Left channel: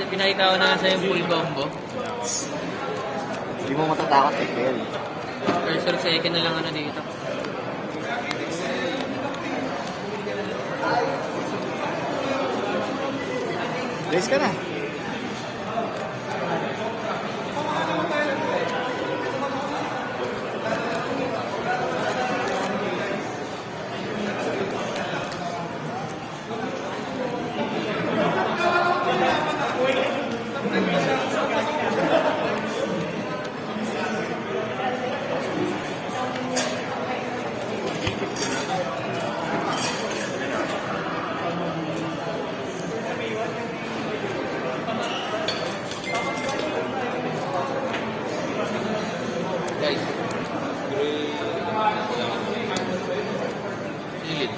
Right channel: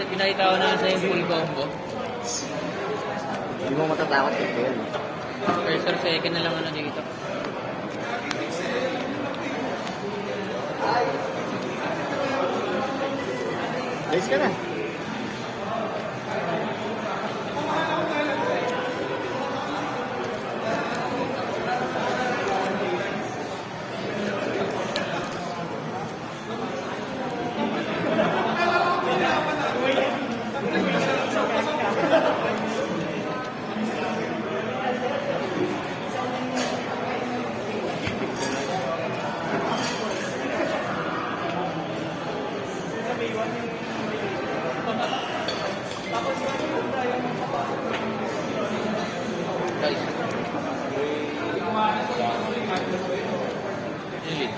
pinakita ko na yun sa yung full combo. Hindi mo matatakot eh, Kel. First or second na lang ano dito. Guys ka na. Guys. Ilit.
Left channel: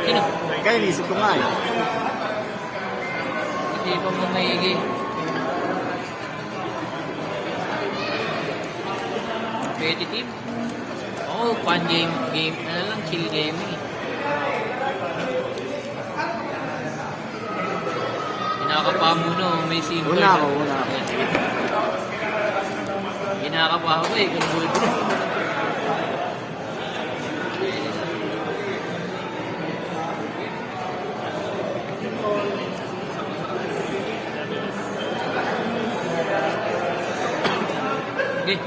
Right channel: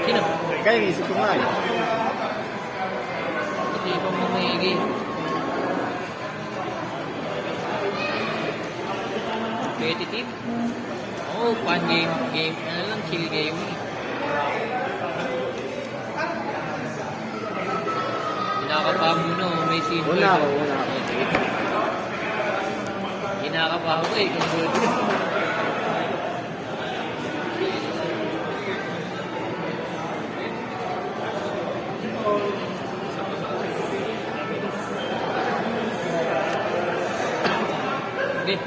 Sino? Kaya inisip ko nga eh. Hindi pa mo maigi. Competitive? Oo, fun game. Ano lang, chill game eh. Kinakapa mo no, may simple. Una ako, una. Kinakapa ako eh, kung buto. Okay.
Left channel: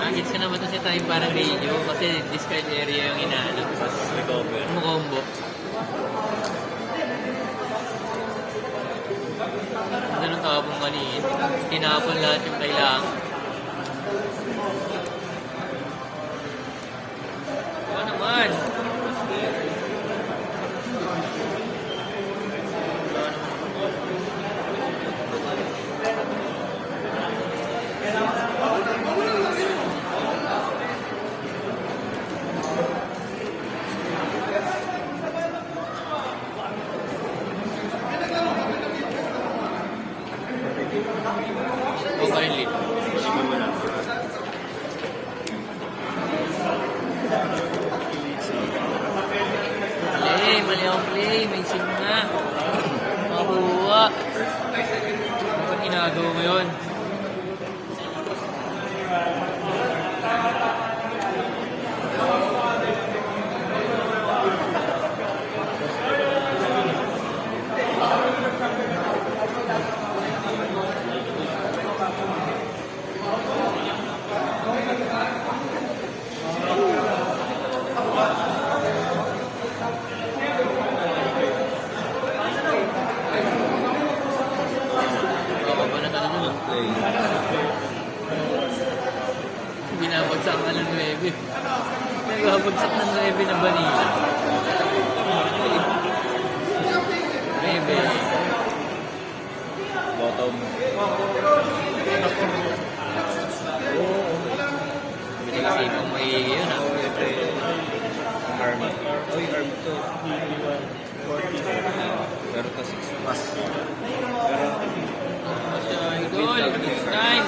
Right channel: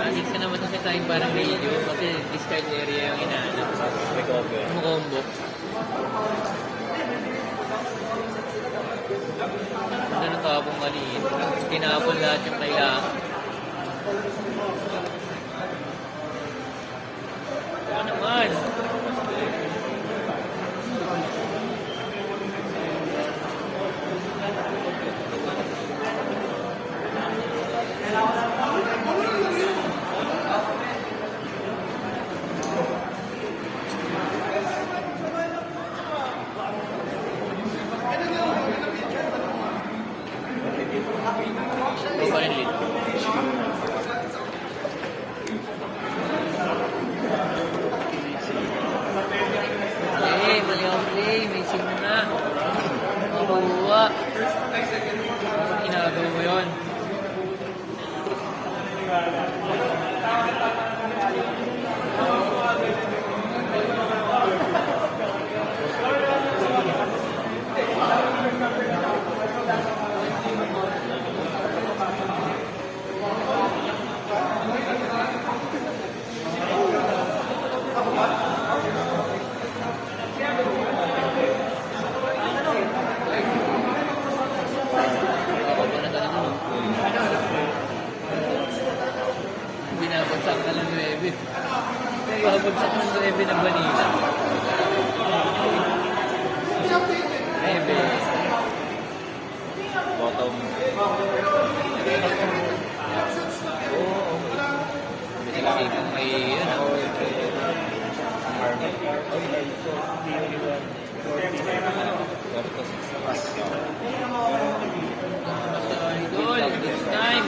Nandito naman ito sa time parang radio kasi discard area yung inaanap. Combo. Ano nang tapong mali eh. Tinapon lahat yung kailangan. Ano naman? Ito pa rin lead. Play, mali ang play. May sim na. Makuha. Ano ginagawa mo yun? Baka pa na talaga no? Binabagsak na lang levy. Binabagsak ng levy na banila. Levy. Bottom. Hindi kasi kung may yun ah. Goal, good time.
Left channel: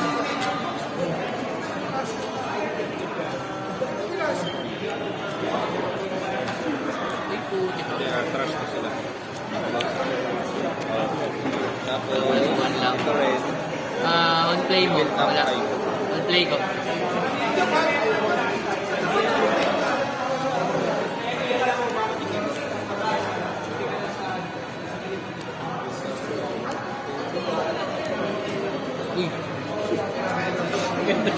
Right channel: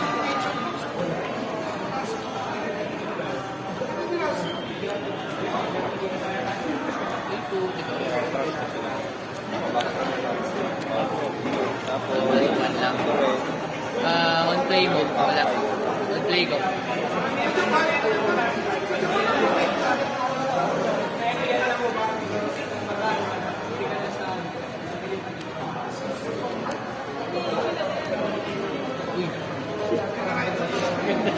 One lang. On play mo. Wala. On play ko. Uy. Talo.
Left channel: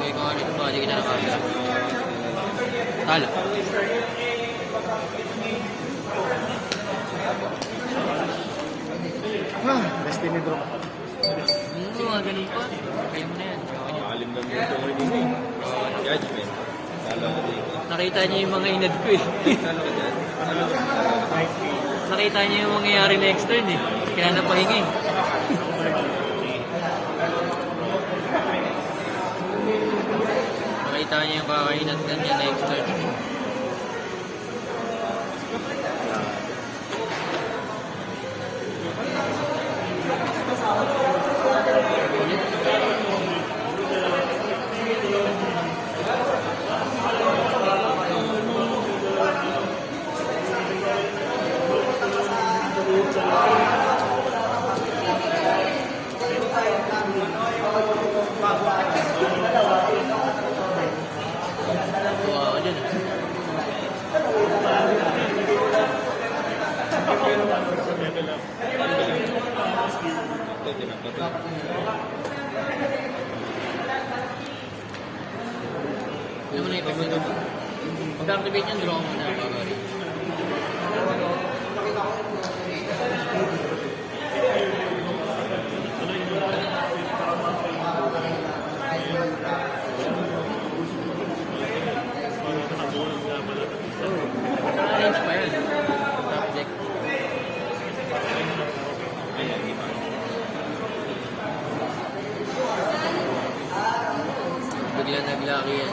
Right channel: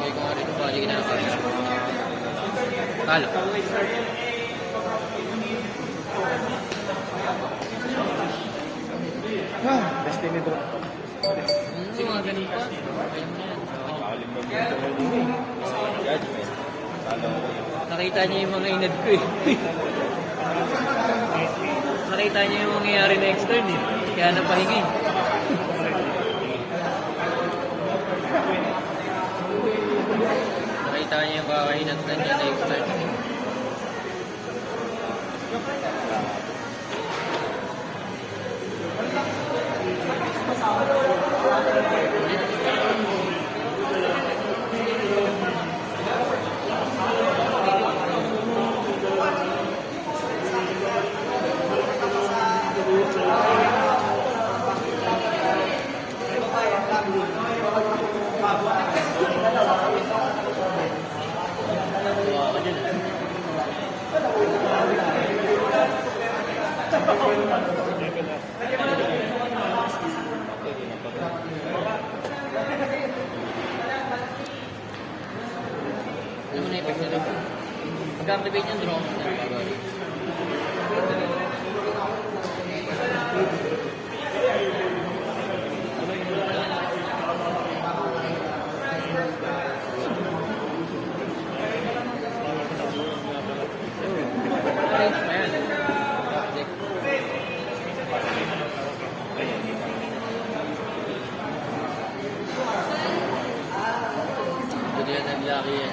Uy, kung ano ito ba? Hindi ka nakakita. Talo. Destiny drop. Mga ganun pa. Ayun na yan. Oo. Judgment. Nakita niyo yung mga inad ko eh. Nakita niyo yung mangyayari next turn eh. Kaya napahinga eh. Nakita niyo yung kakainat na niya next turn. Wow, dyan eh. Alam mo na yung pag-build ito. Pag-activate yung draw mo na pag ayos pa yan. Yep. Bigla naglaki yan.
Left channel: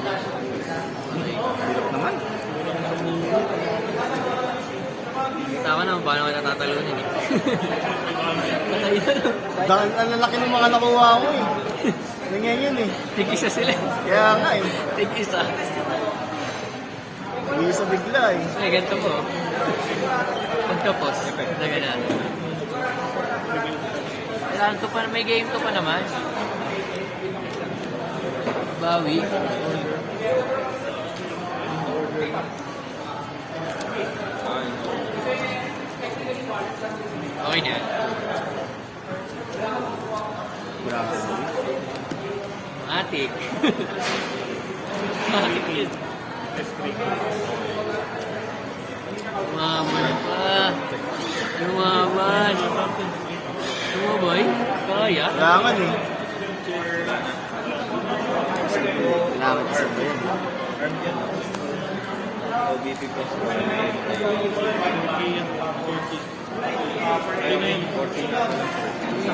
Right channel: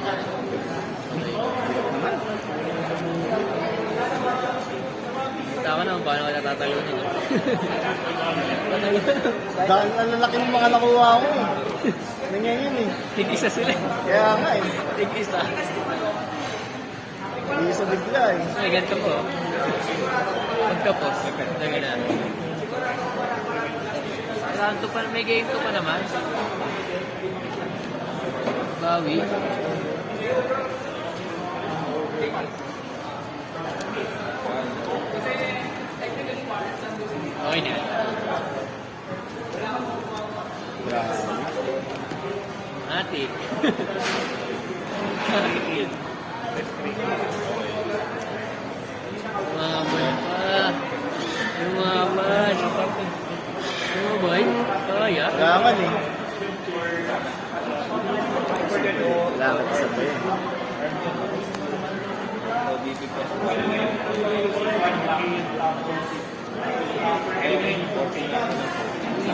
Okay. Naman. Kita ko naman paano ka natatalunin eh. Patay na lang. Dahil ang lalaki ng mga nakuha ko eh. Ganyan yun eh. Tig-isa sila. Kaya nga eh. Tig-isa. Hindi sa bigla eh. Ay, ganito po. Pagkapos, lagyan natin. Kailangan to pa, may game to pa naman. Bawi. Okay na. Atik. Atik. Umaman pa. Umaman. Umaman? Kaya? Kaya nga eh. Kailangan ko sabihin.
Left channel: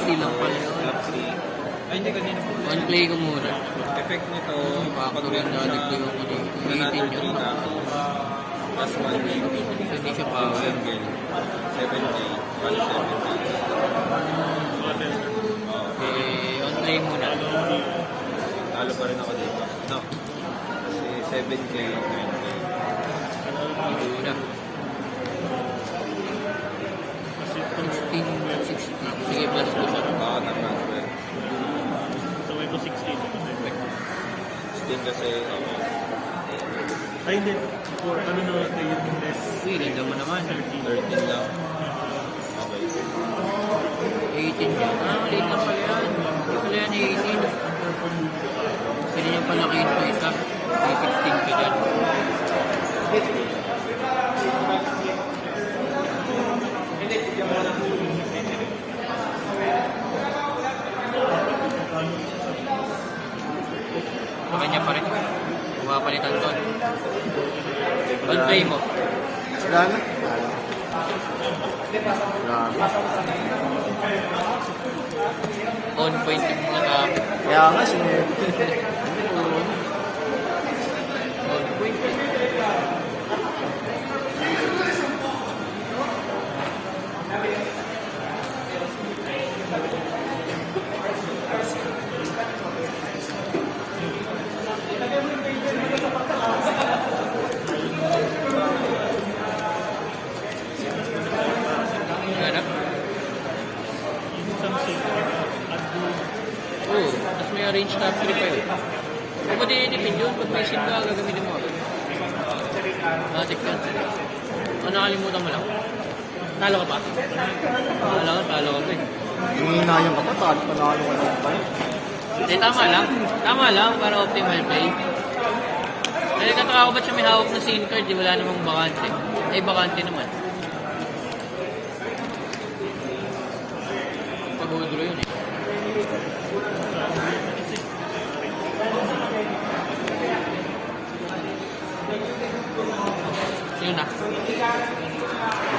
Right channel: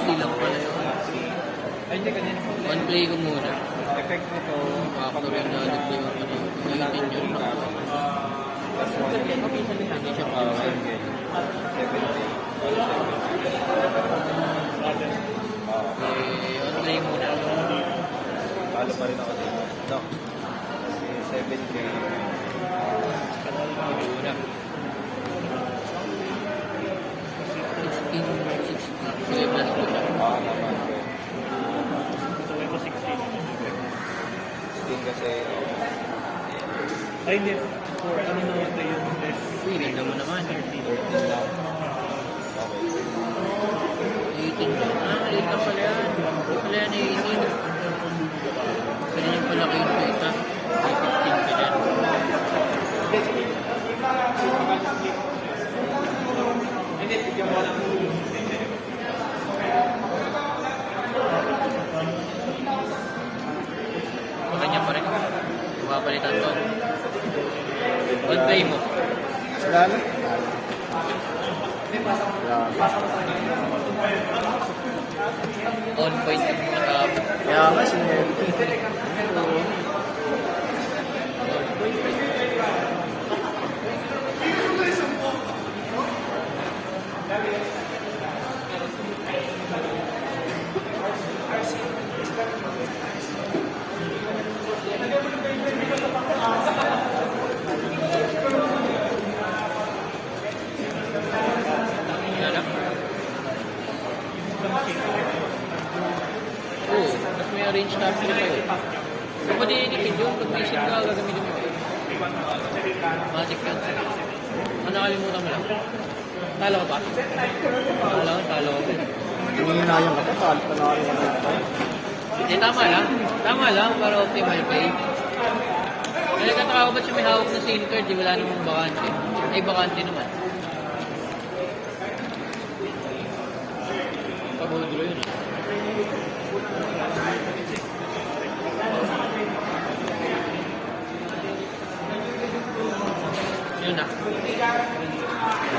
Silang pala naman. Ay, hindi ganyan. One play ko muna. Effect nito, Factor yung dati play ko muna. Ipin yung plus 1 so, hindi siya power. 7 One play muna. Talo pa rin ako dito. No. 7 play. Una. 16. Sige, plus ko siya. Na-transfer. 16 kasi, Ay, hindi. For ano na ito yung Uy, ganda mo naman. 13 lang. Okay. 18. Maliit na pala yan. Ito pala yan, 18. Sige lang pala kayo pa isa. May 16 ka dyan. Makanya pa rin. Pumapalitan doon. On play mo. Wala na? Wala. On point yung mga tap. Kaya nga sinunod. On point. Oh, mas may arrange capture ito eh. Kung pwede editin doon, pag may sim ka, gagamitin mo. Matik ka. O nakalimutan mo lang. Talo ka pa? Talo ka pa eh. Hindi na yung kapatal. Panalo ka sa kapal. Eh, tama lang. Tama lang para optimal pay. Kaya kataka ko ba't siya may hawak na SIM card, di wala namang bakante. Eh, bakante naman. Pag-udro yun eh. Yun na.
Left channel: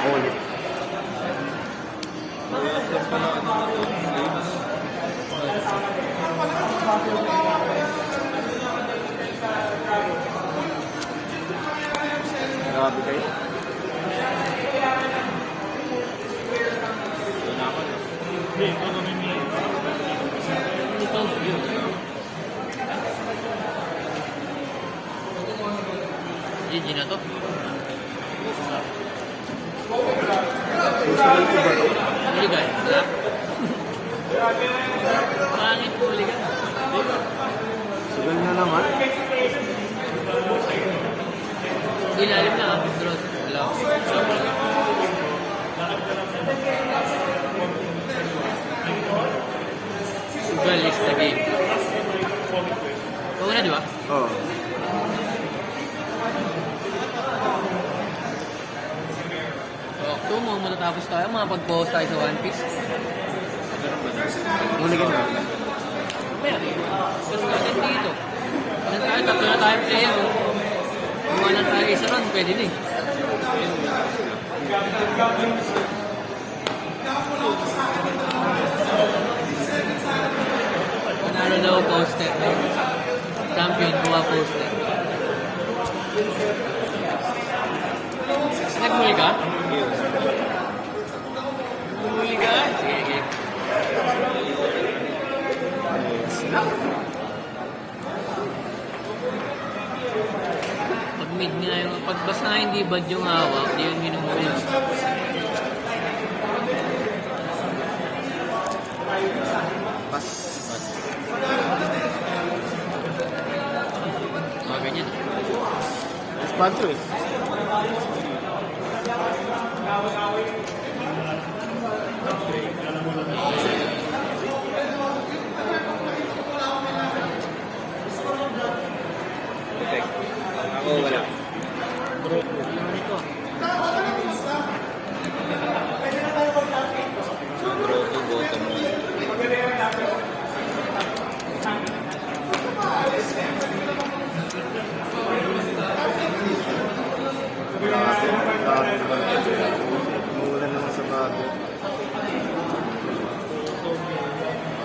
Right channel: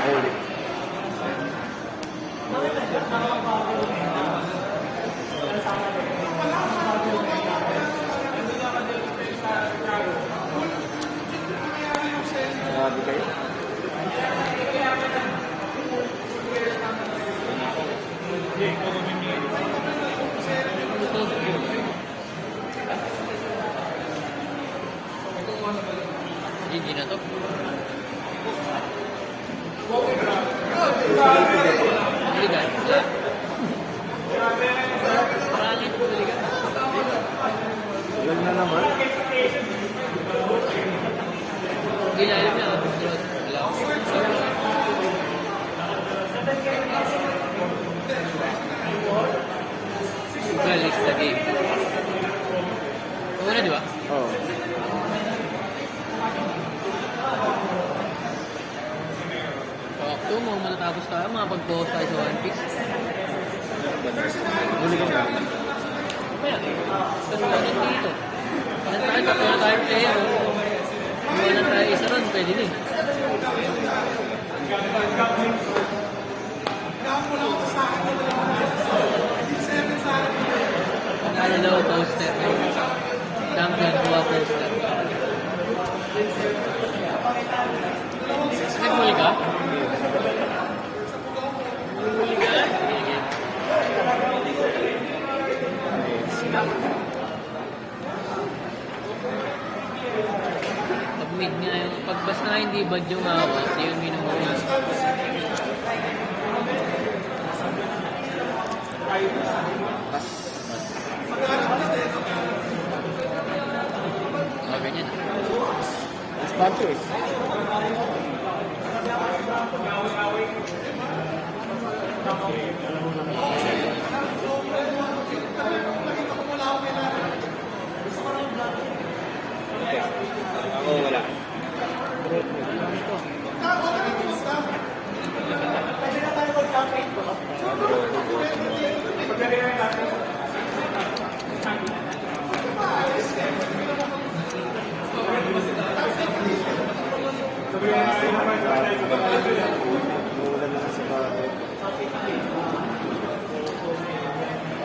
Ulit. Grabe kayo. Hindi, ito gawin niya. Ito. GG na to. Huligan. Wala. Pangit huligan. Sigal na naman. Ilalim na ah. Draw. Wala. Sugal is the game. Oo na, di ba? Oo. Ito mo, matatapos tayo. Mga pag-post tayo sa One Piece. Huli ka na. Pero natin dito. Ano tayo, tatlo na tayo player. Kung wala tayo isa ron, pwede din. Ano daw poster? Champion, kuha poster. Nagmuli ka? Nagmuli ka? Sige. Pag mid na yun, pag basta hindi bad yung hawak, di yung minumuli. Pas. Okay din. Espanto eh. Ako wala. Ano ito? Umulan naman sa bago.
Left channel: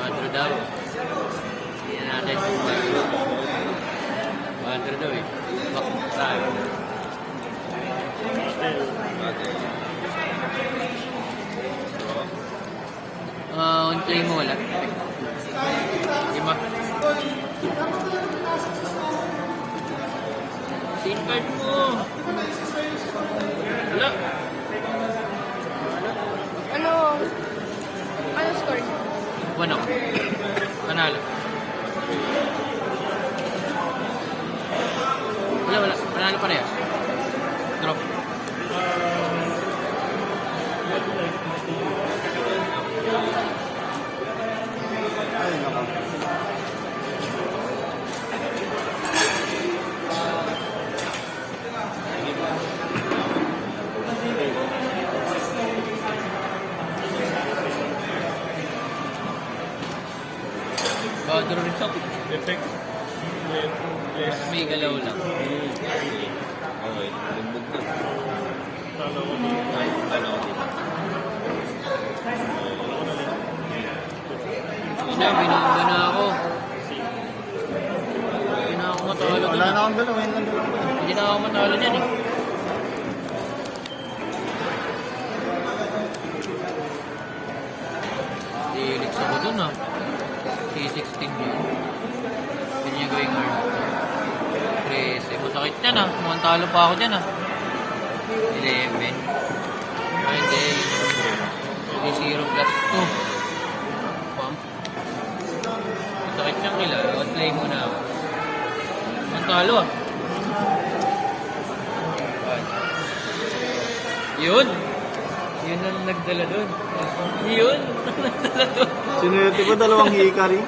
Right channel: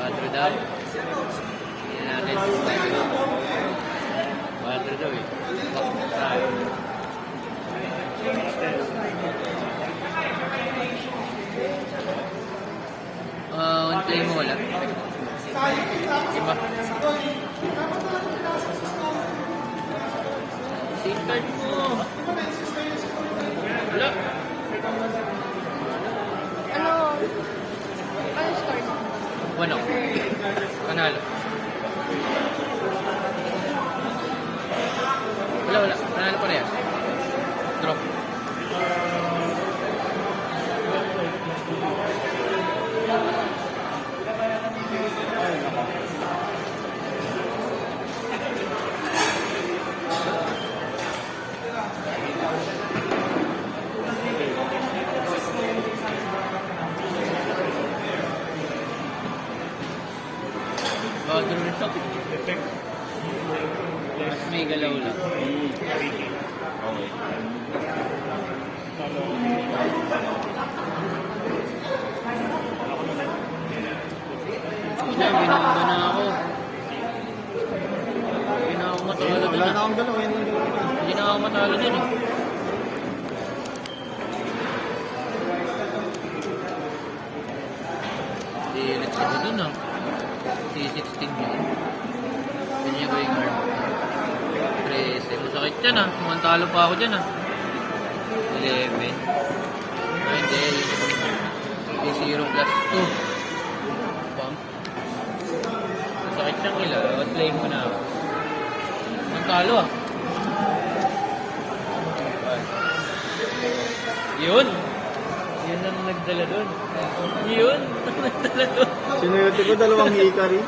4 daw. Tingnan natin. 4 daw eh. Bakit tayo? Unti mo wala. Diba? SIM card mo. Wala. Ano? Ano score? Ano? Panalo. Wala. Panalo pa rin. Drop. Bathroom shop. Effect. May galaw lang. Okay. Nagmug na. Talo ko. Siya, binaba na ako. Hindi na ako matalo Wala dun na ah. akong dalawa. Yun lang dalawa. Hindi na ako matalo dun eh. Iinit ako dun ah. P16 yun. Pinigo yung masakit yan ah. Kumantalo pa ako dyan ah. Hindi. Ay, hindi. Yung 0 plus 2. Pa. Masakit yan kila. Play muna ako. Ang talo ah. Yun. Yun ang nagdala doon. Yun. Sinuwerte ko dalawang hikari.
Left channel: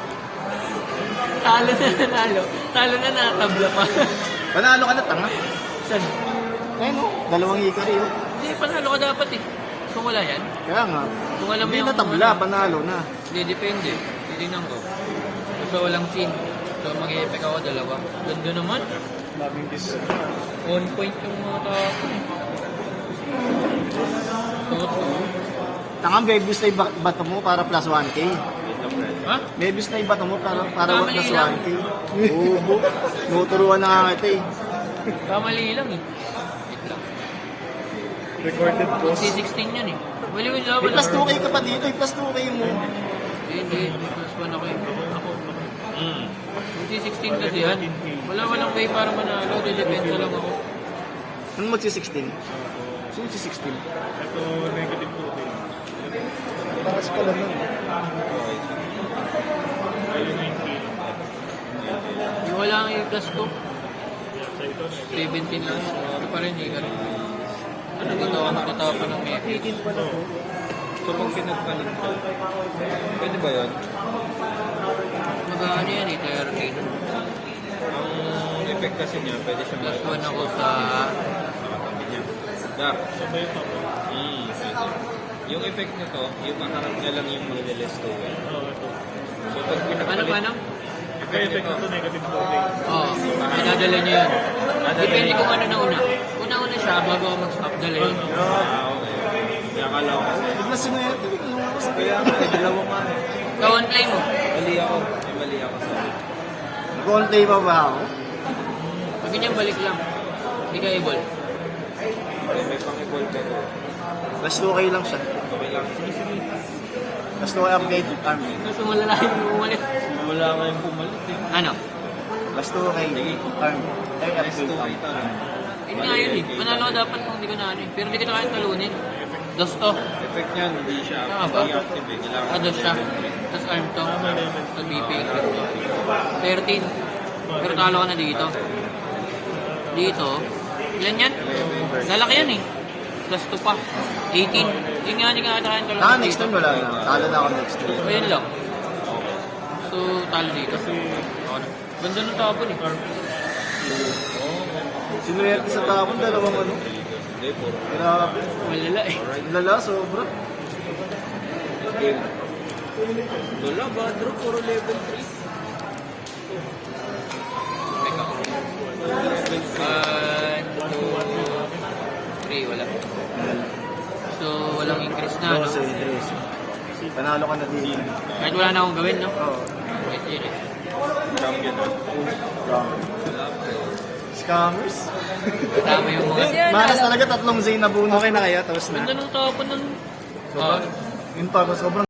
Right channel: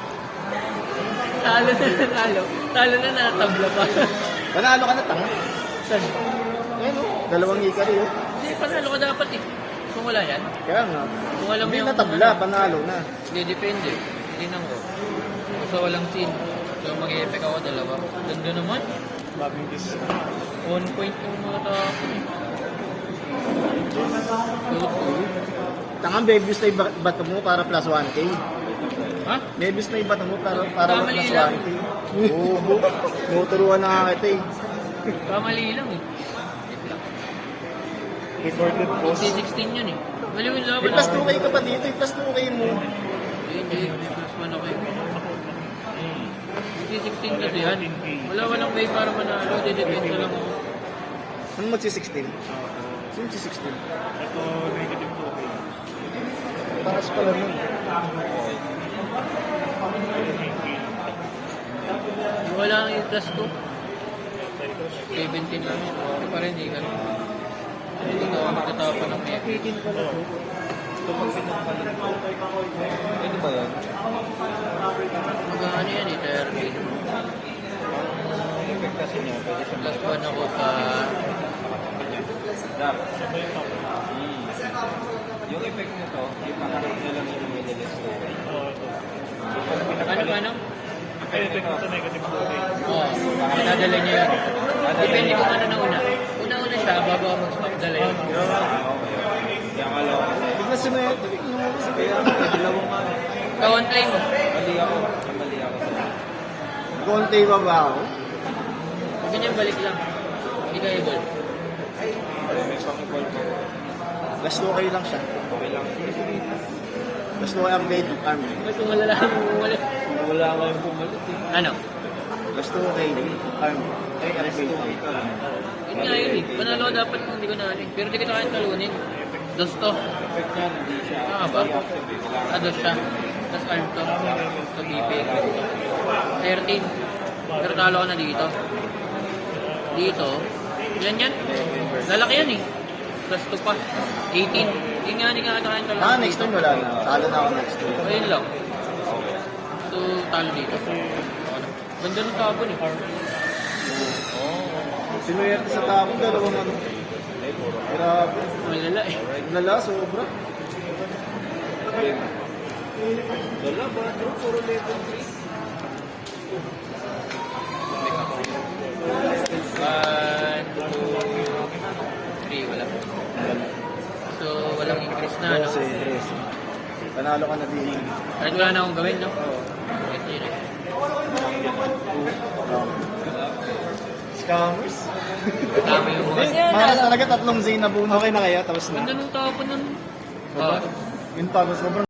Talo na nanalo. Talo na nakatabla pa. Panalo ka na, tanga. Saan? Ayun, oh. Dalawang hikari, oh. Hindi, panalo ka dapat eh. Kung wala yan. Kaya nga. Kung alam mo Hindi yung na tabla, panalo na. Hindi, depende. Hindi nang ko. Basta walang sin. So, mag-i-attack ako dalawa. Ganda naman. Daming kiss. On point yung mga tao. Tanga, babies na ibato mo para plus 1K. Ha? Babies na ibato mo para Kamali plus lang. 1K. Oo, nuturuan na nga kita eh. Kamali lang eh. Wait lang. Recorded post. C16 yun eh. Wala yung laban. May plus 2K ka pa dito, may plus 2K mo. Hindi, plus 1 ako yun. Yung C16 kasi yan. Walang way para manalo. Didepend ko lang ako. Ano magsi-16? Sino si 16? Ito, negative 2. Taas pala nun. Wala ang i-plus 2. 17 lang. Ano pa rin eh. Ano dito ako nakita pa ng 18 pala to. So, pag sinagpanin ko, pwede ba yun? Mag-ano yan eh, 13. Effect kasi niya, pwede sa Plus 1 ako sa... Dap. Yung effect nito, yung makaroon niya lang yung mga list ko. So, pag pinapalit, Ano? Kaya ito negative 2. Oo, pinadala niya yun. Depende kung ano na una. Una-una siya, bago ako mag-swap dala yun. Tignan sinuwerte. Kaya dalawang ano. Kawantay mo. mali ako. Mali ako sa Nag-all-day pa ba ako? Pag ganyan, balik lang. Hindi ka able. may pang-equal ko. Plus 2K lang siya. Okay lang. Plus 2K upgrade arm. Gusto malalahan mo bumalik. Wala nga yung pumalit eh. Ano? Plus 2K arm. Ay, upgrade arm. Yun nga yun eh. Manalo ko dapat kung hindi ko na ano eh. Pero hindi kita kaya talunin. Dos to. Effect niya, hindi siya. Tama ba? Activate lang. Dos siya. Tapos arm to. Sa BP. 13. Pero talo ko na dito. Dito. Ilan yan? Lalaki yan eh. Plus 2 pa. 18. Yun nga, hindi nga kaya talunin. Ah, next turn wala na. Talo na ako next turn. Ayun lang. So, talo dito. Ako na. Ganda ng tapon eh. Sinuwerte sa tapon, dalawang ano. Hindi, puro. Grabe. Mahila eh. Lala, sobra. Wala ba? Draw, puro level 3. Wala. So, walang interest na, no? 12. Panalo ka na din. Kahit wala na akong gawin, no? Oo. Sige. Scammers. Tama yung mga... Maras talaga tatlong Zay na buong. Okay na kaya, tapos na. Ganda ng tapon nun. Oh. Yun pa, sobrang